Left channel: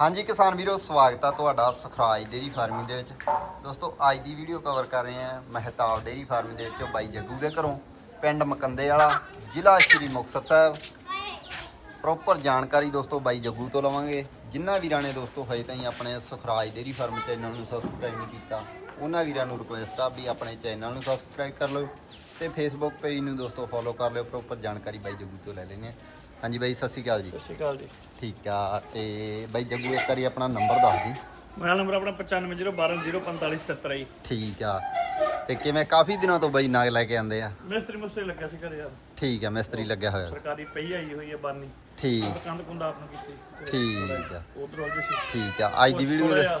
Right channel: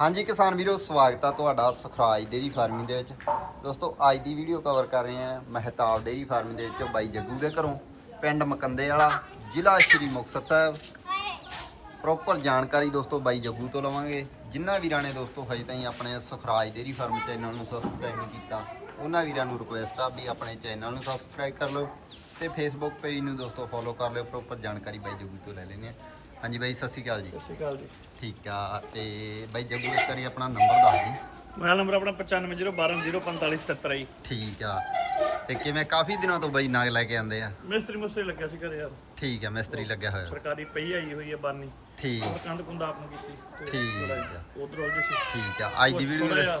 ਹਾਂਜੀ ਕਿਸਾਨ ਵੀਰੋ, ਸਵਾਗਤ ਆ ਤੁਹਾਡਾ ਸੁਖਰਾਜ ਡੇਰੀ ਫਾਰਮਿੰਗ ਦੇ ਵਿੱਚ। ਦੋਸਤੋ, ਅੱਜ ਦੀ ਵੀਡੀਓ ਕਵਰ ਕਰ ਰਹੇ ਹਾਂ ਮਹਿਤਾਬ ਡੇਰੀ ਫਾਰਮਿੰਗ ਦੇ ਵਿੱਚ ਬਾਈ ਜੱਗੂ ਦੇ ਘਰੋਂ, ਪਿੰਡ ਮਕੰਦੇ ਵਾਲਾ, ਜ਼ਿਲ੍ਹਾ ਸ਼੍ਰੀ ਮੁਕਤਸਰ ਸਾਹਿਬ। ਪ੍ਰੋਪਰ ਜਾਣਕਾਰੀ ਦੋਸਤੋ ਬਾਈ ਜੱਗੂ ਤੋਂ ਲਵਾਂਗੇ। ਜਿਨ੍ਹਾਂ ਵੀਰਾਂ ਨੇ ਦੋਸਤੋ ਹਜੇ ਤਾਈਂ ਆਪਣੇ ਸੁਖਰਾਜ ਡੇਰੀ ਫਾਰਮ ਚੈਨਲ ਨੂੰ ਸਬਸਕ੍ਰਾਈਬ ਨਹੀਂ ਕੀਤਾ, ਉਹਨਾਂ ਵੀਰਾਂ ਨੂੰ ਰਿਕੁਐਸਟ ਆ ਵੀ ਆਪਣੇ ਚੈਨਲ ਨੂੰ ਸਬਸਕ੍ਰਾਈਬ ਕਰ ਲਓ ਤੇ ਫੇਸਬੁੱਕ ਪੇਜ ਨੂੰ ਦੋਸਤੋ ਫੋਲੋ ਕਰ ਲਿਓ। ਪ੍ਰੋਪਰ ਜਾਣਕਾਰੀ ਬਾਈ ਜੱਗੂ ਤੋਂ ਲੈ ਲੈਣੇ ਆ ਹਾਂਜੀ ਬਾਈ ਸਤਿ ਸ਼੍ਰੀ ਅਕਾਲ ਜੀ। ਸਤਿ ਸ਼੍ਰੀ ਅਕਾਲ ਜੀ। ਠੀਕ ਆ ਤੇ ਬਾਈ ਜੱਗੂ ਇੱਕ ਵਾਰੀ ਆਪਣਾ ਨੰਬਰ ਦੱਸ ਦੀ। ਮੋਬਾਈਲ ਨੰਬਰ ਆਪਣਾ 9501204577 ਜੀ। ਠੀਕ ਆ ਤੇ ਕਿਵੇਂ ਕਾਫੀ ਦਿਨਾਂ ਤੋਂ ਬਾਈ ਨਾਗ ਲੈ ਕੇ ਆਂਦੇ ਆ? ਮਿਸਤਰੀ ਮੁਸਤਰੀ ਲੱਗਿਆ ਸੀ ਘਰੇ ਯਾਰ। ਠੀਕ ਆ ਮਿਸਤਰੀ ਲੱਗਿਆ ਹੋਇਆ। ਸਰਕਾਰੀ ਪਈ ਆਈ ਹੋਈ ਹੈ ਬਾਨੀ। ਠੀਕ ਪਰ ਕੰਧ ਕੁੰਦਾ ਆਪ ਨੂੰ ਕੀਤੀ ਠੀਕ ਆ। ਉਧਰ ਉਲਝ ਸੀ। ਠੀਕ ਆ ਅੱਜ ਦੀ ਵੀਡੀਓ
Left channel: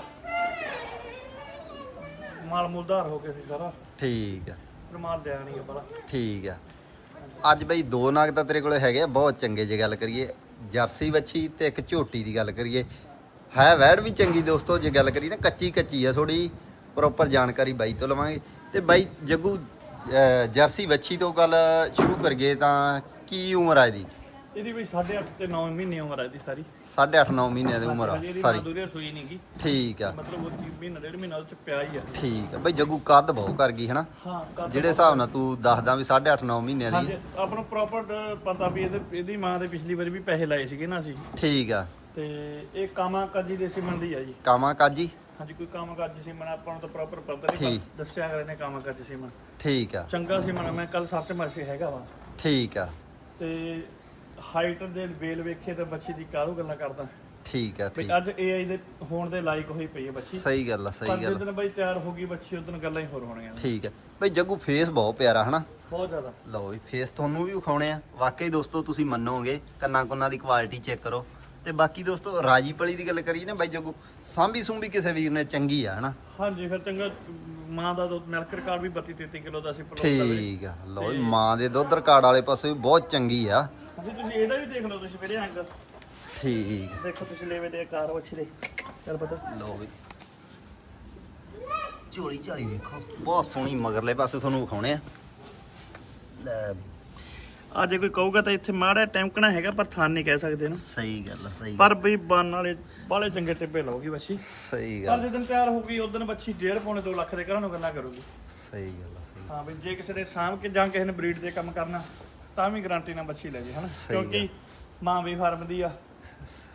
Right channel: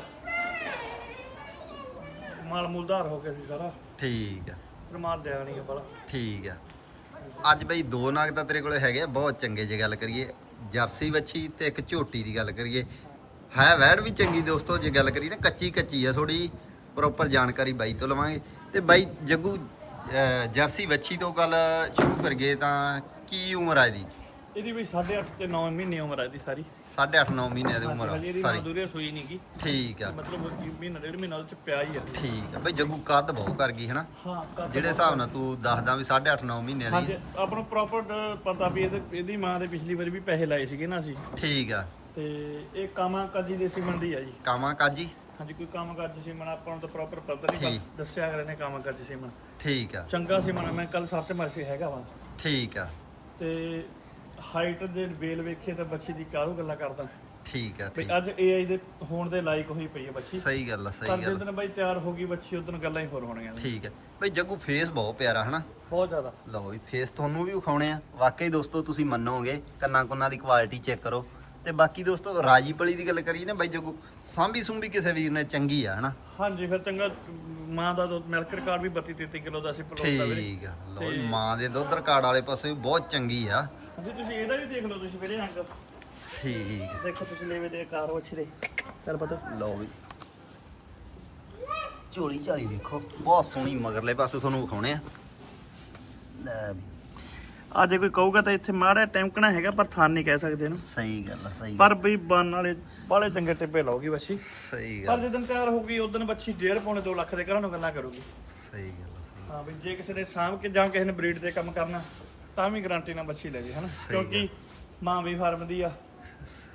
ਮਾਲ ਮੁਲਦਾਰ ਹੋ ਗਿਆ ਸੀ ਸਾਰਾ। ਠੀਕ ਆ। ਫਿਰ ਮਾਲ ਦਿਆ ਨਹੀਂ ਬਲਾ ਠੀਕ ਆ। ਅੱਜ ਬਈ ਦੋ ਨਾਗ ਤਾਂ ਤੇਰੇ ਕੋਲੇ ਹੈਗੇ ਆ, ਬਹੁਤ ਚੰਗੇ ਜੇ ਗੱਲ ਕਰੀਏ। ਜਰਸੀ ਵੱਛੀ ਤੇ ਇੱਕ ਝੋਟੀ ਦੀ ਗੱਲ ਕਰੀਏ। ਹੈ ਵੈੜ ਵੀ ਚੰਗੀ ਦੋਸਤੋ ਜੇ ਗੱਲ ਕਰੀਏ ਨਾ ਕੱਚੀ ਕੱਚੀ ਆ ਥੋੜੀ ਪ੍ਰੋਪਰ ਜਾਣਕਾਰੀ ਬਾਈ ਤੋਂ ਲਵਾਂਗੇ। ਤੇ ਬਾਈ ਜੱਗੂ ਅਹ, ਜਰਸੀ ਵੱਛੀ ਤੋਂ ਗੱਲ ਸ਼ੁਰੂ ਕਰੀਏ ਤਾਂ ਕੀ ਉਮਰ ਆ ਇਹਦੀ? ਇਹਦੀ ਵੀ 8.5 ਤੇ 9 ਮਹੀਨੇ ਉਮਰ ਹੈ ਇਹਦੀ ਸਾਰੀ। 8.5 9 ਮਹੀਨਿਆਂ ਦੀ ਉਮਰ ਆ ਹਜੇ ਇਹਦੀ ਸਾਰੀ। ਸੂਈ ਨਹੀਂ ਗੀ ਠੀਕ ਆ। ਮਤਲਬ ਉਹ ਕੀ ਮਹੀਨਾ ਡੇਢ ਮਹੀਨਾ ਉਹ ਚ ਪਿਆ ਹੀ ਆ। ਠੀਕ ਆ। ਬਈ ਜੱਗੂ ਕੱਦ ਬਹੁਤ ਕਰ ਗਈ ਹਨਾ? ਹਾਂ ਕੱਦ ਜਿਹੜੇ ਹਿਸਾਬ ਨਾਲ ਤੂੰ ਦੱਸਦਾ ਵੀ 8.5 9 ਮਹੀਨਿਆਂ ਦੀ। ਹਾਂਜੀ ਆਪਾਂ ਨੂੰ ਪ੍ਰੋਪਰ ਪਤਾ ਵੀ ਇਹਦੇ ਇਹਦੀ ਮਾਂ ਦੇ ਪਿਛਲੀ ਵਾਰੀ ਵੀ ਪੈਸੇ ਲਾਏ ਸੀਗੇ ਨਾ ਅਸੀਂ। ਠੀਕ ਆ। ਤੇ ਇਹ ਕਾਮਾ ਕਾਜੀ ਦੇ ਸਿਮਨ ਦੀ ਆ ਜੀ। ਕਾਮਾ ਕਾਜੀ? ਹਾਂਜੀ ਕੋਈ ਕੰਮ ਕਾਜੀ ਸਿਮਨ ਆਪਾਂ ਨੂੰ ਤਾਂ ਪ੍ਰੋਪਰ ਪਤਾ ਨਹੀਂ। ਪਰ ਦੱਸਿਆ ਕਰੇ ਨੇ ਕੰਮ ਕਾਜੀ ਸਿਮਨ ਠੀਕ ਆ। ਚੰਗਾ ਸਿਮਨ ਆ, ਮੈਂ ਕੱਲ ਸਰਚ ਮਰਸੀ ਹੈਗਾ ਵਾ। ਠੀਕ ਆ। ਤੇ ਹਾਈਟ ਦੇ ਵੇਲ ਵੇਖੇ ਤਾਂ ਬੱਚੀ ਦੀ ਕਾਹਨੂੰ ਗੱਲਾਂ ਕਰਦਾ? ਠੀਕ ਆ ਬਈ ਠੀਕ। ਅੱਜ ਏਆਈ ਦੇ ਹੋਣ ਦੇ ਲਾਇਕ ਹੋਈ ਪਈ ਹੈ ਬੱਚੀ ਸਹੀ ਗੱਲ ਆ ਪਰ ਸਹੀ ਗੱਲ ਆ। ਜਦੋਂ ਬਈ ਤਿਆਰ ਹੋ ਗਈ ਬੱਚੀ ਉਦੋਂ ਗੱਲਾਂ ਹੀ ਹੋਰ ਹੋਣੀਆਂ ਨੇ। ਠੀਕ ਹੈ ਬਈ ਜੱਗੂ ਫੇਸ ਬਹੁਤ ਪਿਆਰਾ ਹਨਾ? ਬਹੁਤ ਜ਼ਿਆਦਾ। ਲਓ ਵੀ ਫੇਸ ਤੁਹਾਨੂੰ ਵੀ ਵਿਖਾਉਣੇ ਆ। ਵਾਕਈ ਦੋਸਤੋ ਤੁਸੀਂ ਮੰਨੋਗੇ ਕੰਨਾਂ ਕੁੰਨਾਂ ਦੀ ਕੁਆਲਿਟੀ ਚੈੱਕ ਕਰੋ। ਤੇ ਬਾਕੀ ਦੋਸਤੋ ਰਾਜੀ ਪਲੀ ਦੀ ਗੱਲ ਕਰੀਏ ਨਾ ਬਾਈ ਜੱਗੂ ਸਾਂਭੀ ਸੁੰਭੀ ਕਿਸੇ ਵੀਰ ਨੇ ਚੰਗੀ ਆ ਹਨਾ? ਹਾਂਜੀ ਫਿਰ ਚੰਗਾ ਮਾਂ ਦਾ ਦੁੱਧ ਮਿਲਕ ਰਿਕਾਰਡ ਵੀ 32 33 ਕਿਲੋ ਦਾ ਸੀ ਪਲੋਟ ਦਾ ਵੀਰੇ। ਠੀਕ ਆ ਲਓ ਵੀ ਮਾਂ ਦੇ ਦੁੱਧ ਰਿਕਾਰਡ ਵਾਲੇ ਪਾਸੇ ਵੀ ਬਹੁਤ ਚੰਗੀ ਆ। ਹਾਂਜੀ ਤੁਸੀਂ ਇਹਦਾ ਵੀ ਦੇਖ ਲਓ ਤੁਸੀਂ ਵੀਰੇ ਅੰਗ ਠੀਕ। ਦੇਖੋ ਤੁਸੀਂ ਲੈਵੇ ਦੇ ਆਕਾਰ ਵੱਛੀ ਦੇ। ਚੱਲ ਪਤਾ। ਲਓ ਵੀ। ਝੋਲੀ ਝਾਲੀ ਦੇਖੋ ਬਹੁਤ ਸੋਹਣੀ ਮਗਰਲੇ ਪਾਸੇ ਤੁਹਾਨੂੰ ਵਿਖਾਉਣੇ ਆ। ਲੈ ਵੀ। ਆ ਜੇ ਕੋਈ ਕਹੂਗਾ ਤਾਂ ਇੱਥੇ ਮਾੜਾ ਟੈਂਕਣਾ ਹੈਗਾ ਪਰ ਥਾਨ ਨਹੀਂ ਕਹਿ ਸਕਦੇ ਇਹਨੂੰ ਸਹੀ ਗੱਲ ਆ ਸਹੀ ਪਰ ਬਈ ਬਨ ਵਾਲੇ ਬਾਲੇ ਚੰਗੇ ਟਿੱਬੇ ਲਾਉਗੀ ਬੱਚੀ ਸਹੀ ਪਰ ਗੱਲ। ਜਦੋਂ ਤਿਆਰ ਹੋਊਗੀ ਉਦੋਂ ਬੱਚੀ ਡੇਢ ਪੌਣੇ 2 ਲੱਖ ਦੇ ਘਰਾਂ ਨੂੰ ਗੱਲਾਂ ਕਰੂਗੀ। ਸਹੀ ਗੱਲ ਆ ਸਹੀ ਹਾਂ ਬਈ ਜੇ ਕਿਸੇ ਨੇ ਸਾਂਭ ਕੇ ਜਾਂ ਕਿਸੇ ਨੇ ਬਰੀਡ ਤੇ ਕੰਮ ਕਰਨਾ ਤਾਂ ਵੀ ਗਾਰੰਟੀ ਨਾਲ ਬੱਚੀ ਲੈ ਜੇ ਹਨਾ? ਕਿਉਂਕਿ ਮਾਂ ਵੀ ਫਾਰਮ ਦੀ ਆ।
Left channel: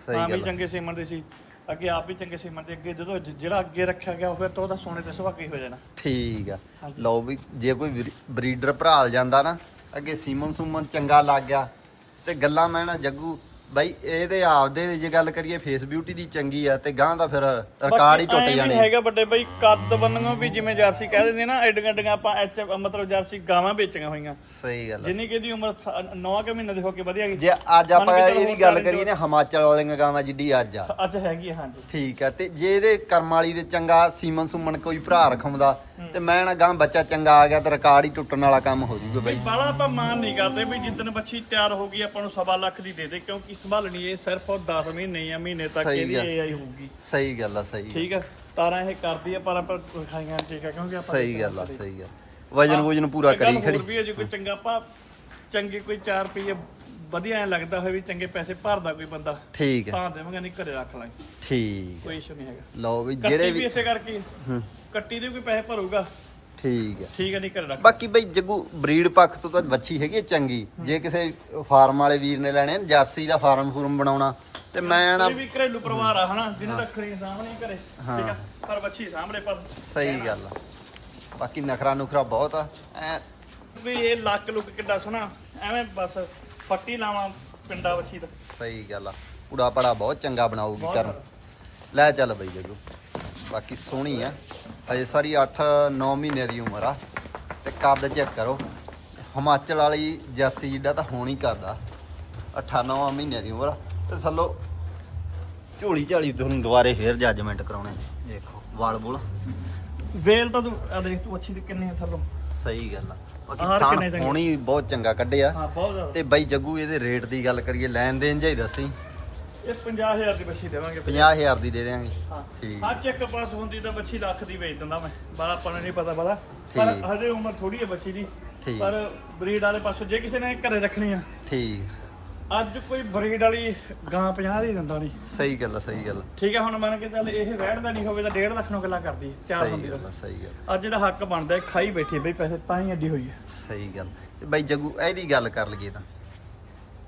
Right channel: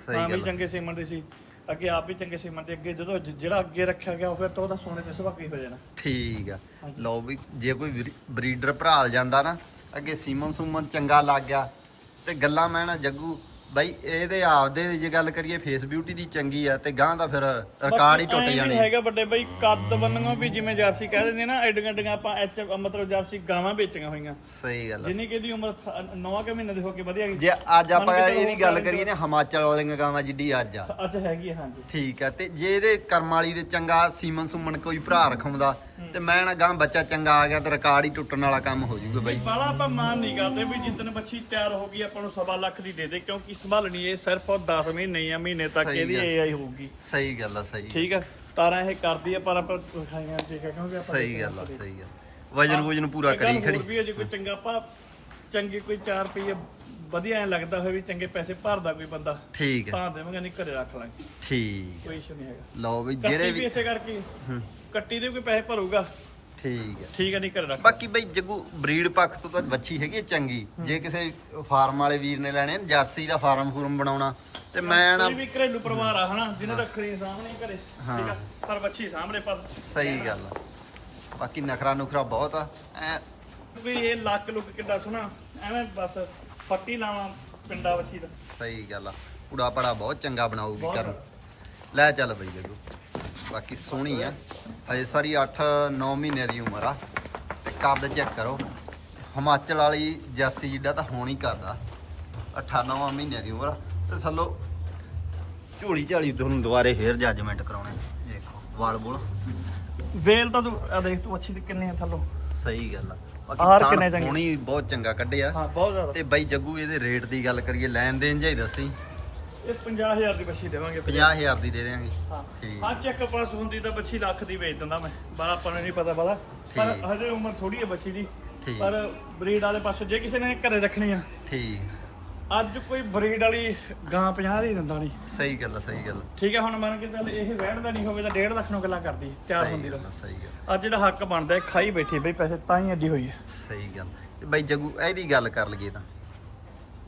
ਸਹੀ ਮਾਂ ਵੀ। ਚੰਗੇ ਸੀਮਨ ਦੀ ਸੀ। ਅੱਗੇ ਆਪ ਵੀ ਚੰਗੇ ਸੀਮਨ ਦੇ। ਅੱਗੇ ਜਦੋਂ ਜ- ਜਿਹੜਾ ਅੱਗੇ ਰੱਖਿਆ ਗਿਆ ਫਿਰ ਤਾਂ ਉਹਦਾ ਸੋਨੇ ਤੇ ਸੁਭਾਗੀ ਹੋ ਜਾਣਾ। ਠੀਕ ਆ। ਲਓ ਵੀ ਜੇ ਕੋਈ ਬਰੀਡਰ ਭਰਾਲ ਜਾਂਦਾ ਨਾ ਅੱਗੇ ਸੀਮਨ ਸੁਮਨ ਚੰਗਾ ਲੱਗ ਗਿਆ ਤੇ ਗੱਲਾਂ ਮੈਂ ਨਾ ਜੱਗੂ ਬਾਈ ਇਹਦੇ ਆਪਦੇ ਜੇ ਗੱਲ ਕਰੀਏ ਫੇਸ ਬਿਊਟੀ ਦੀ ਚੰਗੀ ਆ ਤੇ ਗਾਂ ਦਾ ਫਿਰ ਰਿਕਾਰਡ ਹੀ ਟੁੱਟ ਜਾਣੇ ਹੈਗਾ ਵੱਡੇ ਬਈ ਕੱਦ ਬੰਨਣੋਂ ਵੀ ਜਿਵੇਂ ਜਰਸੀ ਕਹਿ ਦਿੰਦੇ ਨਾ ਐਡੀਆਂ ਐਡੀਆਂ ਆਪਾਂ ਐਚ ਮਤਲਬ ਜਰਸੀ ਗਾਵਾਂ ਵੇਚੀਆਂ ਹੋਈਆਂ। ਸਹੀ ਗੱਲ। ਜਿੰਨੀ ਕਿ ਇਹਦੀ ਉਮਰ 9 ਕੇ ਮਹੀਨੇ ਦੀ ਹੋ ਕੇ ਵਧੀਆ ਗਈ ਜੇ ਅੱਜ ਆਪਾਂ ਇਹਦੀ ਗੱਲ ਕਰੀਏ ਨਾ ਹਿਮਾਚਲ ਵਾਲੀਆਂ ਗਾਵਾਂ ਜਿੱਡੀ ਅੱਜ ਆ। ਅੱਜ ਹੈਗੀ ਹਾਂਜੀ। ਠੀਕ ਆ ਤੇ ਜੇ ਇਹਦੇ ਕਰਮ ਵਾਲੀ ਦੇ ਚੰਗਾ ਸੀਮਨ ਸੁਮਨ ਕੋਈ ਭਰਾ ਰਖਾਉਂਦਾ ਤੇ ਮੈਂ ਨਾ ਗਾਂ ਬੱਚਾ ਚੰਗਾ ਆ ਗਿਆ ਤੇ ਰਿਕਾਰਡ ਹੀ ਟੁੱਟਣ ਵਾਲਾ ਕੰਮ ਹੋ ਜੂਗਾ ਬਾਈ। ਬਾਲਾ ਆਪਾਂ ਮਾਨ ਨਹੀਂ ਕਰਦੇ ਵੀ ਜਿੱਦਨ ਬੱਚੀ ਤਿਆਰ ਹੋ ਗਈ ਆਪਾਂ ਨੂੰ ਸਵਾ ਲੱਖ ਦੀ ਦੇ ਦੇ ਕਿਉਂਕਿ ਸੰਭਾਲਣੀ ਇਹ ਸਿਰਫ 10 ਮਹੀਨੇ ਜਾਂ ਮਹੀਨੇ ਤੱਕ ਸਹੀ ਇਹਦੀ ਗੱਲ। ਏਆਈ ਹੋਊਗੀ। ਸਹੀ ਗੱਲ ਆ ਸਹੀ ਠੀਕ ਆ? ਤਾਰਾਂ ਇਹ ਕਰਦੀ ਆ ਪਰ ਆਪਾਂ ਖਾਈਆਂ ਠੀਕ ਆ ਕਿਉਂਕਿ ਆਪਾਂ ਸਹੀ ਗੱਲ ਆ ਸਹੀ ਆ ਵਜਨ ਵੁਜਨ ਪੂਰਾ ਇੱਕ ਗੱਲ ਕਰੀ ਖੜੀ। ਹੋਰ ਵੀ ਹੈ ਜੇ ਕੋਈ ਚੰਗਾ ਆਪਾਂ ਚੰਗੇ ਕੋਈ 4 ਰੁਪਏ ਵਧੀਆ ਐ ਲੱਗਦਾ ਹੋਵੇ ਵੀ ਚੰਗੇ ਪੈਸੇ ਭਰਦਾ ਕੋਈ ਬੰਦਾ ਠੀਕ ਹੈ ਤਾਂ ਦੇਵਾਂਗੇ ਨਹੀਂ ਘਰੇ ਰੱਖ ਲਾਂਗੇ। ਠੀਕ ਕੋਈ ਇਸ਼ੂ ਨਹੀਂ ਹੈਗਾ। ਲਓ ਵੀ ਕੱਟੀ ਜਿਹੜੇ ਵੀ ਵੀ ਇਸੇ ਕਰਕੇ। ਕੱਟੀ ਦੇ ਕੋਈ ਪੈਸੇ ਭਰੂਗਾ। ਠੀਕ ਹੈ। ਠੀਕ ਹੈ ਨਹੀਂ ਘਰੇ ਰੱਖ ਬਾਕੀ ਬਈ ਜੱਗੂ ਬਰੀਡ ਪੱਖ ਤੋਂ ਤਾਂ ਵੱਛੀ ਹੈਗੀ ਹੈ ਚੰਗੀ। ਜੇ ਕਿਸੇ ਫਾਰਮ ਵਾਲੇ ਵੀਰ ਨੇ ਲੈਣੇ ਜਰਸੀ ਦਾ ਫਾਰਮ ਫੂਰਮ ਬਣਾਉਣਾ ਤੇ ਮੈਂ ਨਾ ਕੋਈ ਵੀ ਘਰੇਲੂ ਪਰਿਵਾਰ ਆ ਹਨਾ ਜਿਹਨੇ ਰੱਖਣੀ ਸਾਹਮਣੇ ਘਰੇ ਠੀਕ ਆ ਪਰ ਬੱਚੀ ਸਾਹਮਣੇ ਪਰ। ਸਹੀ ਗੱਲ ਆ। ਬਾਕੀ ਨਖਰਾ ਨੁਖਰਾ ਬਹੁਤ ਆ। ਐ ਵੀ ਇਹ ਲੱਕ ਲੁੱਕ ਕਿੱਦਾਂ ਸੁਣਾ ਐਵੇਂ ਬਸ ਫੱਟੀ ਲਾਵਾਂ ਪਿੰਡਾ ਬੱਚੀ ਦਾ। ਸਹੀ ਗੱਲ ਆ। ਪੂੜਾ ਪੜਾ ਬਹੁਤ ਚੰਗਾ ਬਣਾਉਗੀ ਬਹੁਤ ਕਰ ਲੈ ਚੱਲ ਬਈ ਜੱਗੂ। ਬਾਕੀ ਸੋਹਣੀ ਆ। ਹਜੇ ਸਾਰੀ 8-9 ਮਹੀਨੇ ਦੀ ਉਮਰ ਆ। ਤੇ ਕੱਦ ਚੈੱਕ ਕਰੋ। ਹਿਮਾਚਲ ਵਾਲੀ ਜਰਸੀ ਜਿੱਡਾ ਤਾਂ ਹੋਣ ਹੀ ਕਰਦਾ। 8-9 ਮਹੀਨੇ ਦੀ ਉਮਰ ਆ। ਤੇ ਥੱਲੋ ਝੋਲੀ ਝਾਲੀ ਤੁਹਾਨੂੰ ਦੁਬਾਰੇ ਫੇਰ ਜੱਜਮੈਂਟ ਕਰਾਉਣੇ। ਦੇਖੋ ਵਾਲ ਬੁਲ। ਵੇਲ ਤਾਂ ਤੂੰ ਆ ਦੇਖ ਤੂੰ ਅੱਛੀ ਕਿੰਨੀ ਆ ਥੱਲੋਂ। ਸਹੀ ਗੱਲ ਆ। ਆਰ ਕਿੰਨੇ ਚੰਗੇ? ਹੋਣੀ ਬਹੁਤ ਚੰਗਾ ਕੱਢਿਆ। ਹਾਂ ਬਹੁਤ ਜ਼ਿਆਦਾ। ਤੇ ਬਾਈ ਜੱਗੂ ਇਹਦੇ ਰੇਟ ਦੀ ਗੱਲ ਕਰੀਏ ਲੈਣ ਦੇਣ ਜਾਈ ਦੱਸੀ। ਇਹ 50000 ਦੀ ਬੱਚੀ ਦੇਵਾਂਗੇ 50000 ਦੀ ਦੇ ਦੇਵਾਂਗੇ ਹਾਂ। ਠੀਕ। ਹਾਂ ਚੈੱਕ ਪਾਸ ਹੁੰਦੀ ਤਾਂ ਬੱਚੀ ਲੱਖ ਦੀ ਵੇਚ ਦਿੰਦਾ ਮੈਂ। ਬਾਲਾ ਆਪਾਂ ਨੂੰ ਨਹੀਂ ਪਤਾ ਬਾਲਾ ਪਰ ਠੀਕ। ਹਜੇ ਉਮਰ ਥੋੜੀ ਹੈ ਬੱਚੀ ਦੀ। ਠੀਕ। ਪਰ ਬਰੀਡ ਵਾਲੇ ਪਾਸੋਂ ਜੇ ਕਿਸੇ ਨੇ ਘਰੇ ਰੱਖਣੀ ਆ। ਠੀਕ। ਅੱਜ ਕੋਈ ਬਰੀਡ ਵਾਲੀ ਗਾਂ 50 ਦੀ ਦਿੰਦਾ ਨਹੀਂ। ਸਹੀ ਗੱਲ ਆ ਸਹੀ ਗੱਲ। ਠੀਕ ਹੈ ਹੁਣ ਮੰਨ ਕੇ ਚੱਲ ਇਹ ਵਹਿੜਦਾ ਨਹੀਂ ਹੋਵੇ ਤਾਂ 1.5 ਲੱਖ ਨੂੰ ਗੱਲਾਂ ਕਰਦੀ ਤਿਆਰ ਹੁੰਦੀ ਗੱਲ ਤਾਂ। ਆ, ਸਹੀ ਗੱਲ ਅੱਜ ਜਿਹੜਾ ਹੱਕ ਬਣਦਾ ਖਾਈ ਬੈਠੀ ਬਈ ਪੈਸੇ ਤਾਂ ਹੀ ਅੱਡੀ ਹੋਈ ਹੈ। ਸਹੀ ਗੱਲ ਬਾਈ ਜੱਗੂ ਇਹਦੀ ਗੱਲ ਕਰ ਲਈਏ ਤਾਂ।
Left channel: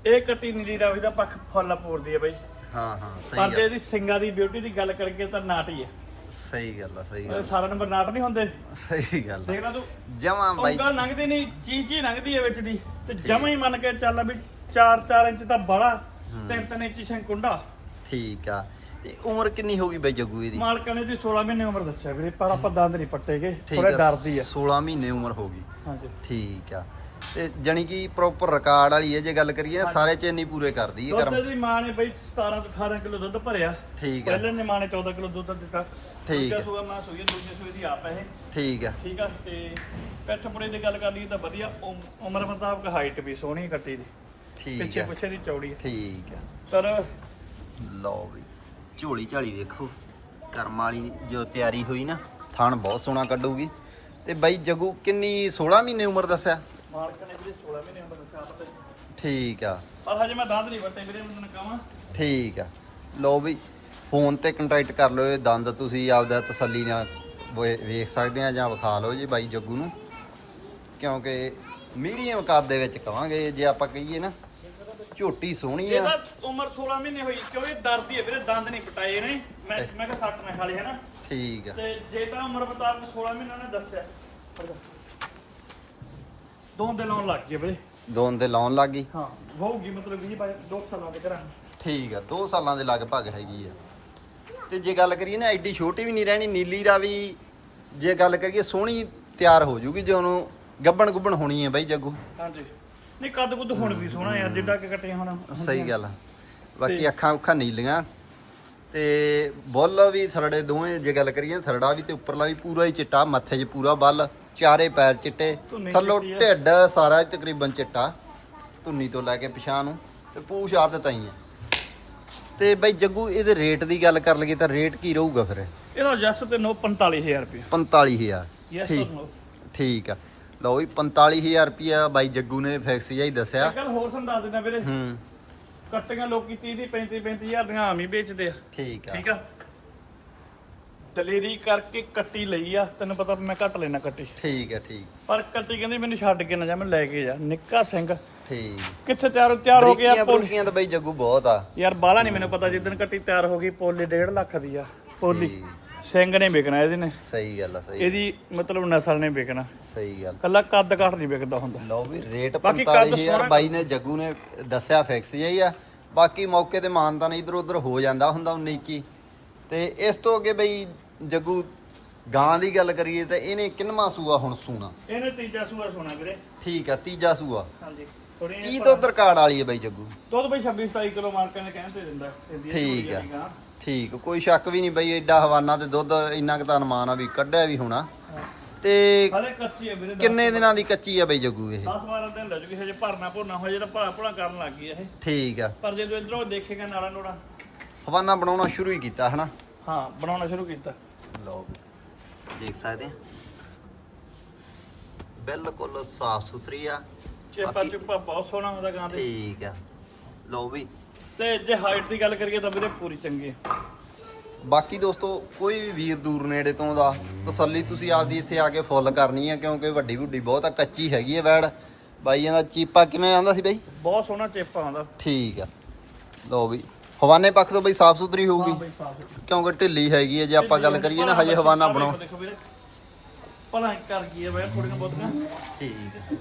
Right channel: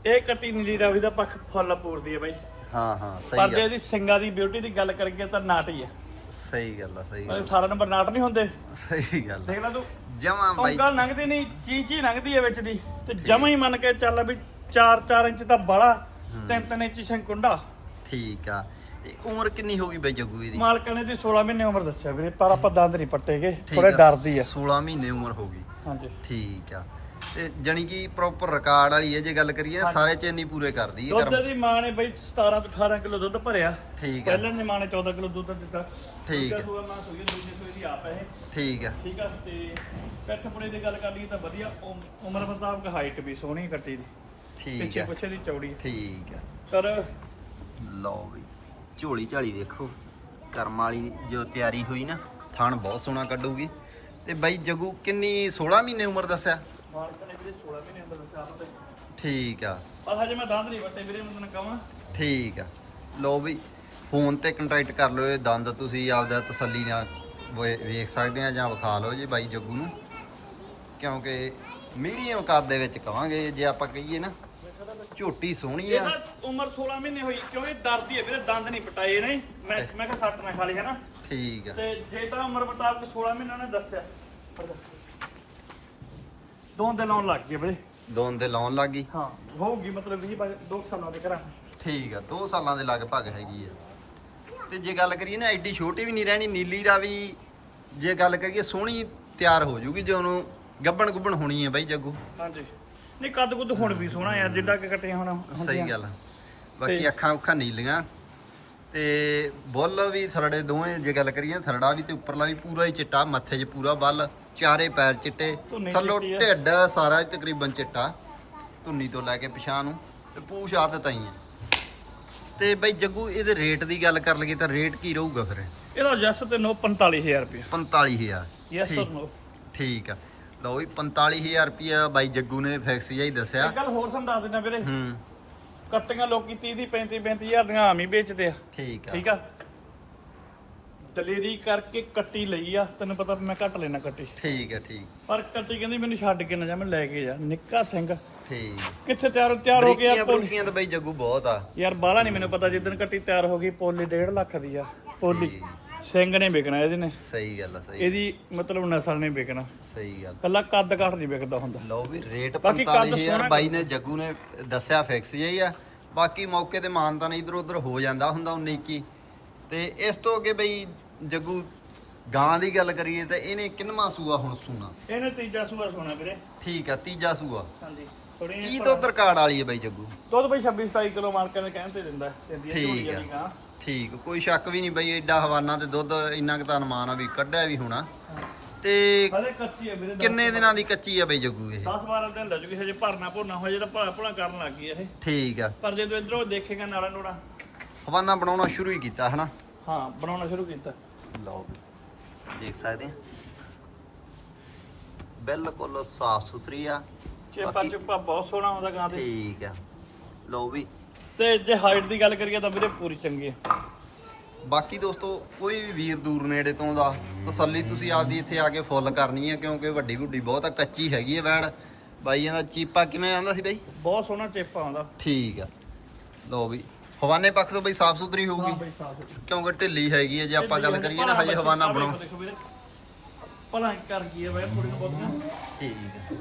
ਇਹ ਕੱਟੀ ਨੀਲੀ ਰਾਵੀ ਦਾ ਪੱਖ ਫੁੱਲ ਪੂਰਦੀ ਹੈ ਬਈ। ਹਾਂ ਹਾਂ ਪਰ ਸਹੀ ਜੇ ਗੱਲ। ਇਹਦੀ ਸਿੰਗਾਂ ਦੀ ਬਿਊਟੀ ਦੀ ਗੱਲ ਕਰੀਏ ਤਾਂ ਨਾਟ ਹੀ ਹੈ। ਸਹੀ ਗੱਲ ਆ ਸਹੀ ਗੱਲ ਸਾਰਾ ਨੰਬਰ ਨਾਟ ਨਹੀਂ ਹੁੰਦੇ। ਸਹੀ ਗੱਲ ਦੇਖ ਲੈ ਤੂੰ। ਜਮਾ ਬਾਈ ਉਂਗਲ ਲੰਘਦੀ ਨਹੀਂ ਚੀਜ਼ ਚੀ ਲੰਘਦੀ ਹੈ ਵਿੱਚ ਦੀ। ਤੇ ਜਮਾ ਹੀ ਮੰਨ ਕੇ ਚੱਲ ਵੀ 4-4 ਇੰਚ ਤਾਂ ਬੜਾ 3-3 ਇੰਚ ਸੰਕੁੰਡਾ। ਠੀਕ ਆ। ਤੇ ਉਮਰ ਕਿੰਨੀ ਹੋਗੀ ਬਾਈ ਜੱਗੂ ਇਹਦੀ? ਮਾਲਕਾਂ ਨੇ ਦੀ 16 ਮਹੀਨੇ ਉਮਰ ਦੱਸਿਆ ਵੀਰੇ ਪਰ ਆਪਾਂ ਦੰਦ ਨਹੀਂ ਪੱਟੇਗੇ ਠੀਕ ਥੋੜੇ ਆ ਡਰਦੀ ਹੈ। 16 ਮਹੀਨੇ ਉਮਰ ਹੋਗੀ ਹਾਂਜੀ। ਠੀਕ ਆ। ਤੇ ਜਾਨੀ ਕਿ ਪ੍ਰੋਪਰ ਰਿਕਾਰਡ ਵਾਲੀ ਹੈ ਜੇ ਗੱਲ ਕਰੀਏ ਸਾਰੇ ਚੈਨੀ ਪੂਰੇ ਕਰਦੀ ਹੈ ਕਰਮ। ਦੁੱਧ ਦੀ ਮਾਂ ਨੇ ਬਈ 17 ਤੋਂ 18 ਕਿਲੋ ਦੁੱਧ ਭਰਿਆ। ਠੀਕ ਆ। ਪਹਿਲੇ ਨੇ ਮਾਂ ਨੇ 14 ਕਿਲੋ ਦੁੱਧ ਦਿੱਤਾ। ਠੀਕ ਦੂਜਾ ਆ। ਸੂਆ ਮਾਂ ਸੂਈ ਦੂਜੇ ਸੂਏ ਦੀ ਆਪ ਹੈ ਇਹ। ਠੀਕ ਆ। ਠੀਕ ਆ ਤੇ ਪਿੱਠ ਪੁੜੇ ਦੀ ਗੱਲ ਕਰ ਲਈ ਤਾਂ ਵਧੀਆ। ਉਮ- ਉਮਰ ਮੁਤਾਬਕ ਹਾਈਟ ਵੀ ਸੋਹਣੀ ਕੱਟੀ ਦੀ। ਠੀਕ ਪਿੱਛੇ ਆ। ਪਿੱਛੇ ਦੀ ਚੌੜੀ ਹੈ ਠੀਕ ਆ। ਪਰ ਲਓ ਬਈ ਝੋਲੀ ਝਾਲੀ ਵੇਖੋ। ਕਰਮ ਵਾਲੀ ਜੋ ਤਿਆਰੀ ਹੋਈ ਨਾ ਥਣ ਬਹੁਤ ਸੋਹਣਾ ਕੱਢੂਗੀ। ਤੇ ਬਾਈ ਜੱਗੂ ਕਿੰਨੀ 16 ਮਹੀਨੇ ਉਮਰ ਦੱਸਿਆ? ਮਾਲਕ ਨੇ ਵੀਰੇ 16 ਮਹੀਨੇ ਉਮਰ ਦੱਸਿਆ ਪਤਾ ਹੀ ਠੀਕ ਆ। ਪਰ ਹਜੇ ਮੈਂ ਦੰਦ ਨਹੀਂ ਵੱਟੇ ਵੀਰੇ ਮੈਂ ਤੈਨੂੰ ਕਹਾਂ। ਠੀਕ ਆ। ਲਓ ਬਈ ਫੋਨ ਤੇ ਕੰਟੈਕਟ ਕਰ ਲਿਓ ਇਹ ਦੰਦ ਤੁਸੀਂ ਆਪਦਾ ਤਸੱਲੀ ਨਾਲ ਵੇ- ਵੇਖ ਸਕਦੇ ਆ ਜਾਂ ਵਿਖਾ ਲਓ ਜੀ ਬਾਈ ਜੱਗੂ ਨੂੰ। ਕਿਉਂਕਿ ਮੀਡੀਅਮ ਕੱਦ ਦੇ ਵਿੱਚ ਕਵਾਂਗੇ ਜੇ ਆਪਾਂ ਕਹੀਏ ਨਾ ਝੋਟੀ ਸੋਹਣੀ ਆ। ਇਹਦਾ ਉਮਰ 16 ਮਹੀਨੇ ਹੋਈ ਕਿਉਂ ਇਹ ਡਰਦੀ ਹੈ ਵੀਰੇ ਦੰਦ ਨਹੀਂ ਪਟਾਏ ਨੇ। ਮੈਂ ਮੈਂ ਕਿਹਾ ਸੱਟ ਨਾ ਖਾ ਲਈ ਹੈ ਨਾ। ਠੀਕ ਆ। ਤੇ ਜੇ ਤਾਂ ਉਮਰ ਮੁਤਾਬਕ 16 ਮਹੀਨਾ ਨੇ ਦੱਸਿਆ। ਦੋ ਦੇ ਲਾਉਣ ਲੱਗ ਗਏ ਵੀਰੇ। ਦੋਨ ਦੇ ਲਾਉਣ ਲੱਗੀ ਹਾਂ ਹੋਊਗੀ ਮਤਲਬ 20 ਬਾਈ 2 ਸਾਲਾਂ ਦੇ ਕਰਾਂ ਠੀਕ ਆ 2 ਸਾਲਾਂ ਦੇ ਲਗਭਗ ਹੈਗੀ ਆ। ਤੇ ਜੇ ਗੱਲ ਕਰੀਏ ਨਾ ਐਡੀ ਛੋਟੀ ਵੀ ਨਹੀਂ ਰਹਿਣੀ ਨੀਲੀ ਦਾ ਵੀ ਜੇ ਗੱਲ ਕਰੀਏ ਸੋਹਣੀ ਤਿਆਰ ਹੋ ਜੂਗੀ ਜੇ ਉਹਨੂੰ ਗੱਬਣ ਗੁੱਬਣ ਹੋਣੀ ਹੈ ਬਾਈ ਜੱਗੂ। ਹਾਂਜੀ। ਨਹੀਂ ਕੱਦ ਕੁੱਦ ਹੁਣ ਵੀ ਸੋਹਣਾ ਯਾਰ ਜਿੱਡਾ ਕਿ ਕੱਟੀਆਂ ਹੁਣ ਸਹੀ ਗੱਲ ਬਾਕੀ ਅੱਖਾਂ ਉੱਖਾਂ ਨੀਲੀਆਂ। ਤੇ ਬੁੱਲ ਵੀ ਥਰੜੇ ਦੋਵੇਂ ਜੇ ਗੱਲ ਕਰੀਏ ਥਰੜਾ ਵੀ ਤੇ ਉੱਪਰਲਾ ਵੀ ਪੂਰਾ ਹੀ ਚਿੱਟਾ ਮੱਥੇ 'ਚ ਪੂਰਾ ਬੱਲ। ਚਾਰੇ ਪੈਰ ਚਿੱਟੇ ਥੱਲੋਂ। ਢਿੱਡ ਸਾਰਾ ਹੀ ਤਕਰੀਬਨ ਚਿੱਟਾ ਧੁੰਨੀ ਤੋਂ ਲੈ ਕੇ ਪਿਛਾਂ ਨੂੰ ਤੇ ਪੂਛ ਆਦਤ ਆਈ ਹੈ ਤੇ ਬਈ ਜੱਗੂ ਇਹਦੇ ਰੇਟ ਦੀ ਗੱਲ ਕਰ ਲਈਏ ਤਾਂ ਰੇਟ ਕੀ ਰਹੂਗਾ ਫਿਰ? ਇਹਦਾ ਜਸ ਤੇ ਨੋ 45000 ਰੁਪਏ 45000 ਯੈਸ ਠੀਕ। অর ਨੋ ਠੀਕ। ਆ। ਲਓ ਵੀ 45000 ਰੁਪਿਆ ਬਾਈ ਜੱਗੂ ਨੇ ਫਿਕਸ ਜਿਹਾ ਹੀ ਦੱਸਿਆ। ਇੱਕ ਗੱਲ ਹੋਰ ਤੁਹਾਨੂੰ ਦੱਸ ਦਿੰਦਾ ਵੀਰੇ। ਹੂੰ। ਕੱਟੀਆਂ ਲੋਕੀ 30 ਦੀ 35 35000 ਦੀਆਂ ਆਮ ਹੀ ਵੇਚਦੇ ਆ। ਠੀਕ ਆ। ਠੀਕ ਆ? ਦਲੇਰੀ ਕਰਕੇ ਕੱਟੀ ਲਈ ਆ ਤੈਨੂੰ ਪਤਾ ਮੈਂ ਘੱਟ ਲੈਣਾ ਕੱਟੀ। ਠੀਕ ਆ ਠੀਕ। ਪਰ ਕੱਟੀ ਕਹਿੰਦੀ ਮੈਨੂੰ ਛੱਡ ਕੇ ਨਾ ਜਾ ਮੈਂ ਲੈ ਕੇ ਜਾ। ਨਿੱਕਾ ਸਿੰਘ। ਠੀਕ। ਕਿੱਥੇ ਤਿਆਰ ਤਿਆਰ ਹੋ ਗਿਆ ਬਰੀਕੀਆਂ ਪੋਲੀ? ਬਰੂਕੀਆਂ ਤਾਂ ਬਈ ਜੱਗੂ ਬਹੁਤ ਆ। ਯਾਰ ਬਾਹਲਾ ਨਹੀਂ ਮੈਨੂੰ ਪਤਾ ਜਿੱਦਣ ਕੱਟੀ ਤਿਆਰ ਹੋ ਗਈ ਪੋਲੀ 1.5 ਲੱਖ ਦੀ ਆ ਪੋਲੀ। ਸਿੰਘ ਨੇ ਵਿਕਣਾ ਇਹਦੇ ਨੇ। ਸਹੀ ਗੱਲ ਆ ਸਹੀ। ਇਹਦੀ ਮਤਲਬ ਨਸਲ ਨੇ ਵਿਕਣਾ। ਸਹੀ ਗੱਲ। ਕੱਲਾ ਕੱਦ ਘੱਟ ਨਹੀਂ ਵਿਕਦਾ ਹੁੰਦਾ। ਲਓ ਵੀ ਰੇਟ ਬਾਕੀ ਕੱਦ 45000 ਸੋਹਣਾ- ਬਾਈ ਨੇ ਜੱਗੂ ਨੇ ਦੱਸਿਆ ਫਿਕਸ ਹੀ ਆ। ਬਾਕੀ ਮੌਕੇ ਤੇ ਮਾਨਤਾਨ ਇਧਰ ਉਧਰ ਹੋ ਜਾਂਦਾ ਹੁੰਦਾ 19 ਕੀ ਤੇ ਇਸ ਤੋਂ ਅੱਗੇ ਬਈ ਜੱਗੂ ਗਾਂ ਦੀ ਗੱਲ ਕਰੀਏ ਤਾਂ ਇਹਨੇ ਕਿੰਨਵਾਂ ਸੂਆ ਹੁਣ ਸੂਣਾ? ਇਹਨੇ ਤੀਜਾ ਸੂਆ ਸੋਣਾ ਵੀਰੇ। ਠੀਕ ਆ ਤੀਜਾ ਸੂਆ। ਹਾਂਜੀ ਥੋੜੀ ਕੀ ਦੁੱਧ ਰਿਕਾਰਡ ਵਾਲੀ ਹੈ ਬਈ ਜੱਗੂ? ਦੁੱਧ ਬਈ 26 27 ਕਿਲੋ ਮਾਲਕਾਂ ਨੇ ਕਹਿੰਦੇ ਦਿੰਦਾ ਠੀਕ ਆ। ਠੀਕ ਕੋਈ ਸ਼ੱਕ ਵੀ ਨਹੀਂ ਬਈ ਐਡਾ ਹਵਾਨਾ ਤੇ ਦੁੱਧ ਇੰਨਾ ਕੁ ਤਾਂ ਅਨੁਮਾਨ ਆ ਵੀ ਕੱਢਿਆ ਵੀ ਹੋਣਾ। ਤੇ ਹਲੇ ਕੱਚੀ ਆ ਵੀਰੇ ਕਿੰਨੇ ਦਿਨਾਂ ਦੀ ਕੱਚੀ ਆ ਬਈ ਜੱਗੂ ਇਹ? 10 12 ਦਿਨ ਲੱਗ ਜੂਗੀ ਹਜੇ ਭਰਨਾ ਭੁਰਨਾ ਹੋ ਜੇ ਤਾਂ ਭਲਾ ਭੁਲਾ ਕਰਨ ਲੱਗ ਗਈ ਇਹ। ਠੀਕ ਆ। ਪਰ ਜਦੋਂ ਇਧਰੋਂ ਦੇਖੇਗਾ ਨਾਲਾ ਨੋੜਾ। ਹਵਾਨਾ ਬਣਾਉਣਾ ਸ਼ੁਰੂ ਹੀ ਕੀਤਾ ਹਨਾ? ਹਾਂ ਬਣਾਉਣਾ ਸ਼ੁਰੂ ਕੀਤਾ। ਲਓ ਵੀ ਦੇਖ ਸਕਦੇ ਆ। ਬਿਲਕੁਲ ਸਾਫ਼ ਸੁਥਰੀ ਆ। ਚੇਪਾ ਚੁੱਪਾ ਬਹੁਤ ਸੋਹਣਾ ਆਉਂਦਾ ਗਾਂ ਦੇ ਠੀਕ ਆ। ਲਓ ਵੀ। ਤੇ ਜੇ ਹਾਈਟ ਦੀ ਗੱਲ ਕਰੀਏ ਤਾਂ ਵੀਰੇ ਪੂਰੀ ਚੰਗੀ ਬਾਕੀ ਦੋਸਤੋ ਕੋਈ ਵੀ ਵੀਰ ਦੂਰ ਨੇੜੇ ਤੋਂ ਦਾ ਤਸੱਲੀ ਤੁਸੀਂ ਆਪਦੀ ਇੱਥੇ ਆ ਕੇ ਫੁੱਲ ਕਰਨੀ ਹੈ ਕਿਉਂਕਿ ਵੱਡੀ ਵੱਡੀ ਬਹੁਤ ਆ ਕੱਚੀ ਹੈਗੀ ਹੈ ਵੈੜ। ਬਾਈਆਂ ਦਾ ਚੀਪਾ ਕਿਵੇਂ ਆਂਦਾ ਸੀ ਬਈ? ਬਹੁਤ ਸੋਹਣਾ ਚੇਪਾ ਆਉਂਦਾ। ਠੀਕ ਆ। ਲਓ ਵੀ। ਹਵਾਨੇ ਪੱਖ ਤੋਂ ਬਈ ਸਾਫ਼ ਸੁਥਰੀ ਹਾਂ ਹੋਊਗੀ। ਬਈ ਸਾਫ਼ ਕਿਉਂਕਿ ਢਿੱਲੀ ਹੈਗੀ ਹੈ ਜੇ ਆਪਾਂ ਗੱਲ ਕਰੀਏ ਨਾ ਹਜੇ ਹਵਾਨਾ ਬਣਾਓ ਦੇਖੋ ਵੀਰੇ। ਭਲਾ ਕਰ ਗਈ ਹੈ ਬਈ ਥੋੜੀਆਂ ਬਹੁਤੀਆਂ। ਠੀਕ। ਆ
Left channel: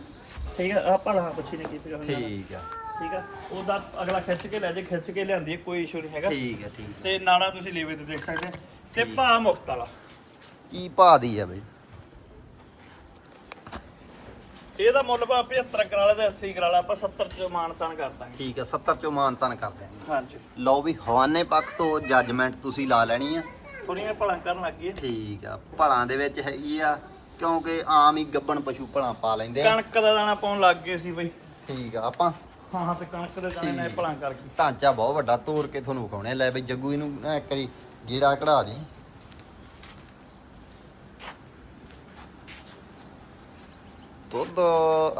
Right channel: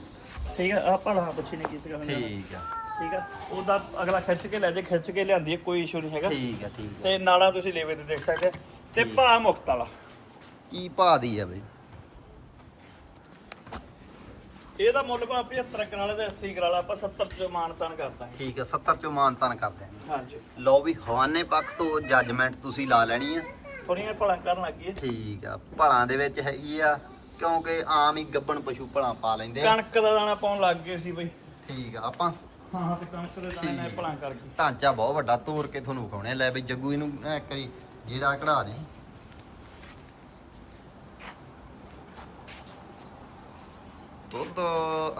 ਠੀਕ ਹੈ ਆ ਭਲਾ ਪੁੱਛੀ ਨੇ ਕੀਤੀ ਹੋਣਾ ਠੀਕ ਆ। ਠੀਕ ਆ ਉਹਦਾ ਅਗਲਾ ਖਿੱਚ ਕੇ ਲੈ ਜੇ ਖਿੱਚ ਕੇ ਲਿਆਂਦੀ ਹੈ, ਕੋਈ ਇਸ਼ੂ ਨਹੀਂ ਹੈਗਾ। ਠੀਕ ਆ ਠੀਕ ਆ। ਤੇ ਨਾਲਾ ਤੁਸੀਂ ਲੇਵੇ ਤੇ ਦੇਖ ਸਕਦੇ ਹੋ। ਤੇ ਠੀਕ। ਭਾ ਮੁਕਤ ਵਾਲਾ। ਕੀ ਭਾਅ ਦੀ ਆ ਬਈ? ਇਹਦਾ ਮੁੱਲ ਭਾ 75 ਕਰਾਲਾ ਤੇ 80 ਕਰਾਲਾ ਆਪਾਂ 70 ਚ ਮਾਨਤਾਨ ਕਰਦਾ ਠੀਕ ਆ 70 ਚੋਂ ਮਾਨਤਨ ਕਰ ਦਿਆਂਗੇ। ਹਾਂਜੀ। ਲਓ ਵੀ ਹਵਾਨੇ ਪੱਖ ਤੋਂ ਜੱਜਮੈਂਟ ਤੁਸੀਂ ਲਾ ਲੈਣੀ ਆ। ਥੋੜੀਆਂ ਭਲਾ ਕਰਨ ਲੱਗ ਠੀਕ ਆ ਭਲਾਂ ਦੇ ਵਿੱਚ ਹੈਗੀ ਆ ਕਿਉਂਕਿ ਆਮ ਹੀ ਗੱਬਣ ਪਸ਼ੂ ਭਲਾਂ ਪਾ ਲੈਂਦੇ ਆ। ਕਣਕ ਦਾ ਦਾਣਾ ਪਾਉਣ ਲੱਗ ਗਏ ਸੀ ਬਈ। ਠੀਕ ਆ ਆਪਾਂ ਹਾਂ ਹਾਂ ਤੇ ਕਣਕ ਦੇ ਦਾਣੇ ਨਾਲ ਭਲਾ ਕਰ ਗਈ ਢਾਂਚਾ ਬਹੁਤ ਵੱਡਾ ਤੋੜ ਕੇ ਤੁਹਾਨੂੰ ਵਿਖਾਉਣੇ ਲੈ ਬਈ ਜੱਗੂ ਇਹਨੂੰ ਐਂ ਇੱਕ ਵਾਰੀ ਗੀੜਾ ਕਢਾ ਦੀ। ਦੁੱਧ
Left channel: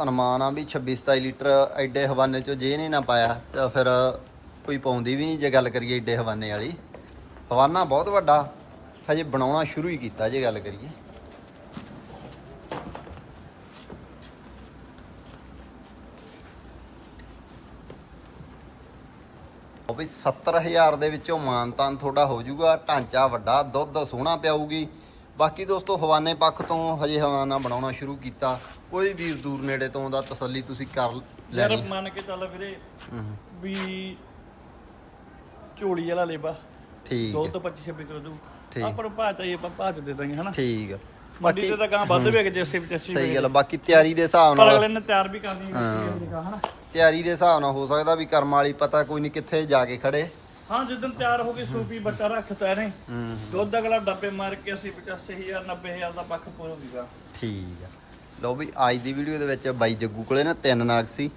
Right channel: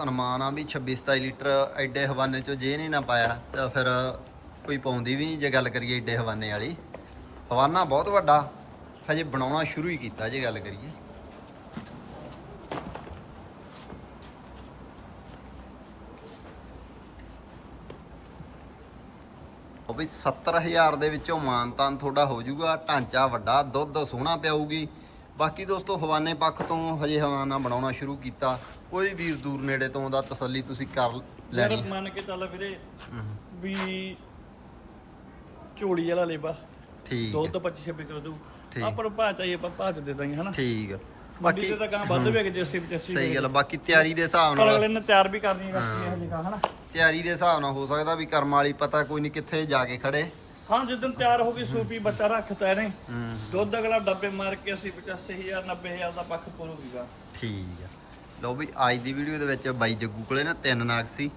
ਅਨੁਮਾਨ ਆ ਵੀ 26 27 ਲੀਟਰ ਐਡੇ ਹਵਾਨੇ ਚੋਂ ਜੇ ਨਹੀਂ ਨਾ ਪਾਇਆ, ਤਾਂ ਫਿਰ ਕੋਈ ਪਾਉਂਦੀ ਵੀ ਨਹੀਂ ਜੇ ਗੱਲ ਕਰੀਏ ਐਡੇ ਹਵਾਨੇ ਵਾਲੀ। ਹਵਾਨਾ ਬਹੁਤ ਵੱਡਾ, ਹਜੇ ਬਣਾਉਣਾ ਸ਼ੁਰੂ ਹੀ ਕੀਤਾ ਜੇ ਗੱਲ ਕਰੀਏ। ਉਹ ਵੀ 70000 ਦੇ ਵਿੱਚੋਂ ਮਾਨਤਾਨ ਤੁਹਾਡਾ ਹੋ ਜਾਊਗਾ, ਢਾਂਚਾ ਵੱਡਾ, ਦੁੱਧ ਸੋਹਣਾ ਪਿਆਊਗੀ। ਬਾਕੀ ਦੋਸਤੋ, ਹਵਾਨੇ ਪੱਖ ਤੋਂ ਹਜੇ ਹਵਾਨਾ ਬਣਾਉਣਾ ਸ਼ੁਰੂ ਕੀਤਾ। ਕੋਈ ਵੀਰ ਦੂਰ ਨੇੜੇ ਤੋਂ ਦਾ ਤਸੱਲੀ ਤੁਸੀਂ ਕਰ ਯਾਰ ਲੈਣੀ ਹੈ। ਮੰਨ ਕੇ ਚੱਲ ਵੀਰੇ ਹਮ, ਵੀ ਝੋਲੀ ਵਾਲਾ ਲੇਬਾ ਠੀਕ ਦੁੱਧ ਹੈ, 25 26 ਕਿਲੋ ਦੂ ਠੀਕ। ਆਪਾਂ ਨੂੰ ਭਾਅ ਚਾਹੀਏ ਆਪਾਂ ਭਾਅ ਚ ਦੇ ਦਾਂਗੇ ਹਨਾ? ਠੀਕ। ਮੰਡੀ ਬਾਕੀ ਤੇ ਤਾਂ ਗਾਂ ਵੱਧ ਵੀ ਜੇ 80 85 ਸਹੀ ਗੱਲ ਬਾਕੀ ਤਿਆਰੀ ਦੇ ਹਿਸਾਬ ਪਰ ਨਾਲ ਅਗਲੇ ਨੇ ਤਿਆਰ ਵੀ ਕਰਨੀ ਹੈ। ਹਨਾ ਤਿਆਰੀ ਦੇ ਹਿਸਾਬ ਨਾਲ ਹੋ ਸਕਦਾ ਵੀ ਕਰਮ ਵਾਲੀ ਪਤਾ ਕੋਈ ਨਹੀਂ ਕਿੱਥੇ ਜਾ ਕੇ ਖੜੇ। ਹਾਂ ਜਿੱਦਨ ਤਿਆਰ ਹੋ ਗਈ ਸੂਪੀ ਬੱਟਾ ਰੱਖਤਾ ਇਹਨੇ। ਹੂੰ। ਦੁੱਧ ਅਗਲਾ ਡੱਬੇ ਮਾਰ ਕੇ 80 85000 90000 ਦਾ ਪੱਖ ਪੂਰੂਗਾ ਠੀਕ ਆ। ਲਓ ਵੀ ਅੱਜ ਦੀ ਵੀਡੀਓ ਦੇ ਵਿੱਚ ਬਾਈ ਜੱਗੂ ਕੋਲੇ ਨਾ ਤਿੰਨ ਨਾਗ ਸੀ।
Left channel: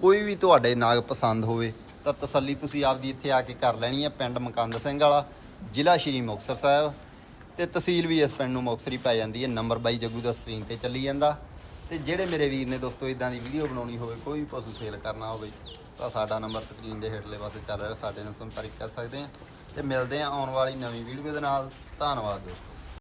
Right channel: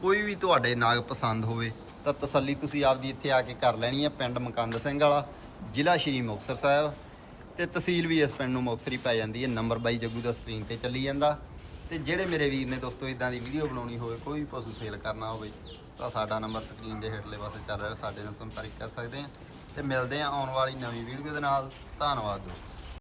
ਕੋਈ ਵੀ ਤੁਹਾਡੇ ਨਾਗ ਪਸੰਦ ਹੋਵੇ, ਤਾਂ ਤਸੱਲੀ ਤੁਸੀਂ ਆਪਦੀ ਇੱਥੇ ਆ ਕੇ ਕਰ ਲੈਣੀ ਹੈ, ਪਿੰਡ ਮਕੰਦ ਸਿੰਘ ਵਾਲਾ, ਜ਼ਿਲ੍ਹਾ ਸ਼੍ਰੀ ਮੁਕਤਸਰ ਸਾਹਿਬ। ਤੇ ਤਹਿਸੀਲ ਵੀ ਇਸ ਪਿੰਡ ਨੂੰ ਮੁਕਤਸਰ ਹੀ ਪੈ ਜਾਂਦੀ ਹੈ, ਨੰਬਰ ਬਾਈ ਜੱਗੂ ਦਾ ਸਕਰੀਨ ਤੇ ਚੱਲੀ ਜਾਂਦਾ। ਤੇ ਜਿਹੜੇ ਮੇਰੇ ਵੀਰ ਨੇ ਦੋਸਤੋ ਇਦਾਂ ਦੀ ਵੀਡੀਓ ਬਣਾਉਣੀ ਹੋਵੇ, ਕੋਈ ਵੀ ਪਸ਼ੂ ਸੇਲ ਕਰਨਾ ਹੋਵੇ, ਤਾਂ ਸਾਡਾ ਨੰਬਰ ਸਕਰੀਨ ਦੇ ਹੇਠਲੇ ਪਾਸੇ ਚੱਲ ਰਿਹਾ, ਸਾਡੇ ਨਾਲ ਸੰਪਰਕ ਕਰ ਸਕਦੇ ਆ ਤੇ ਮਿਲਦੇ ਆ ਆਉਣ ਵਾਲੀ ਨਵੀਂ ਵੀਡੀਓ ਦੇ ਨਾਲ। ਧੰਨਵਾਦ ਦੋਸਤੋ।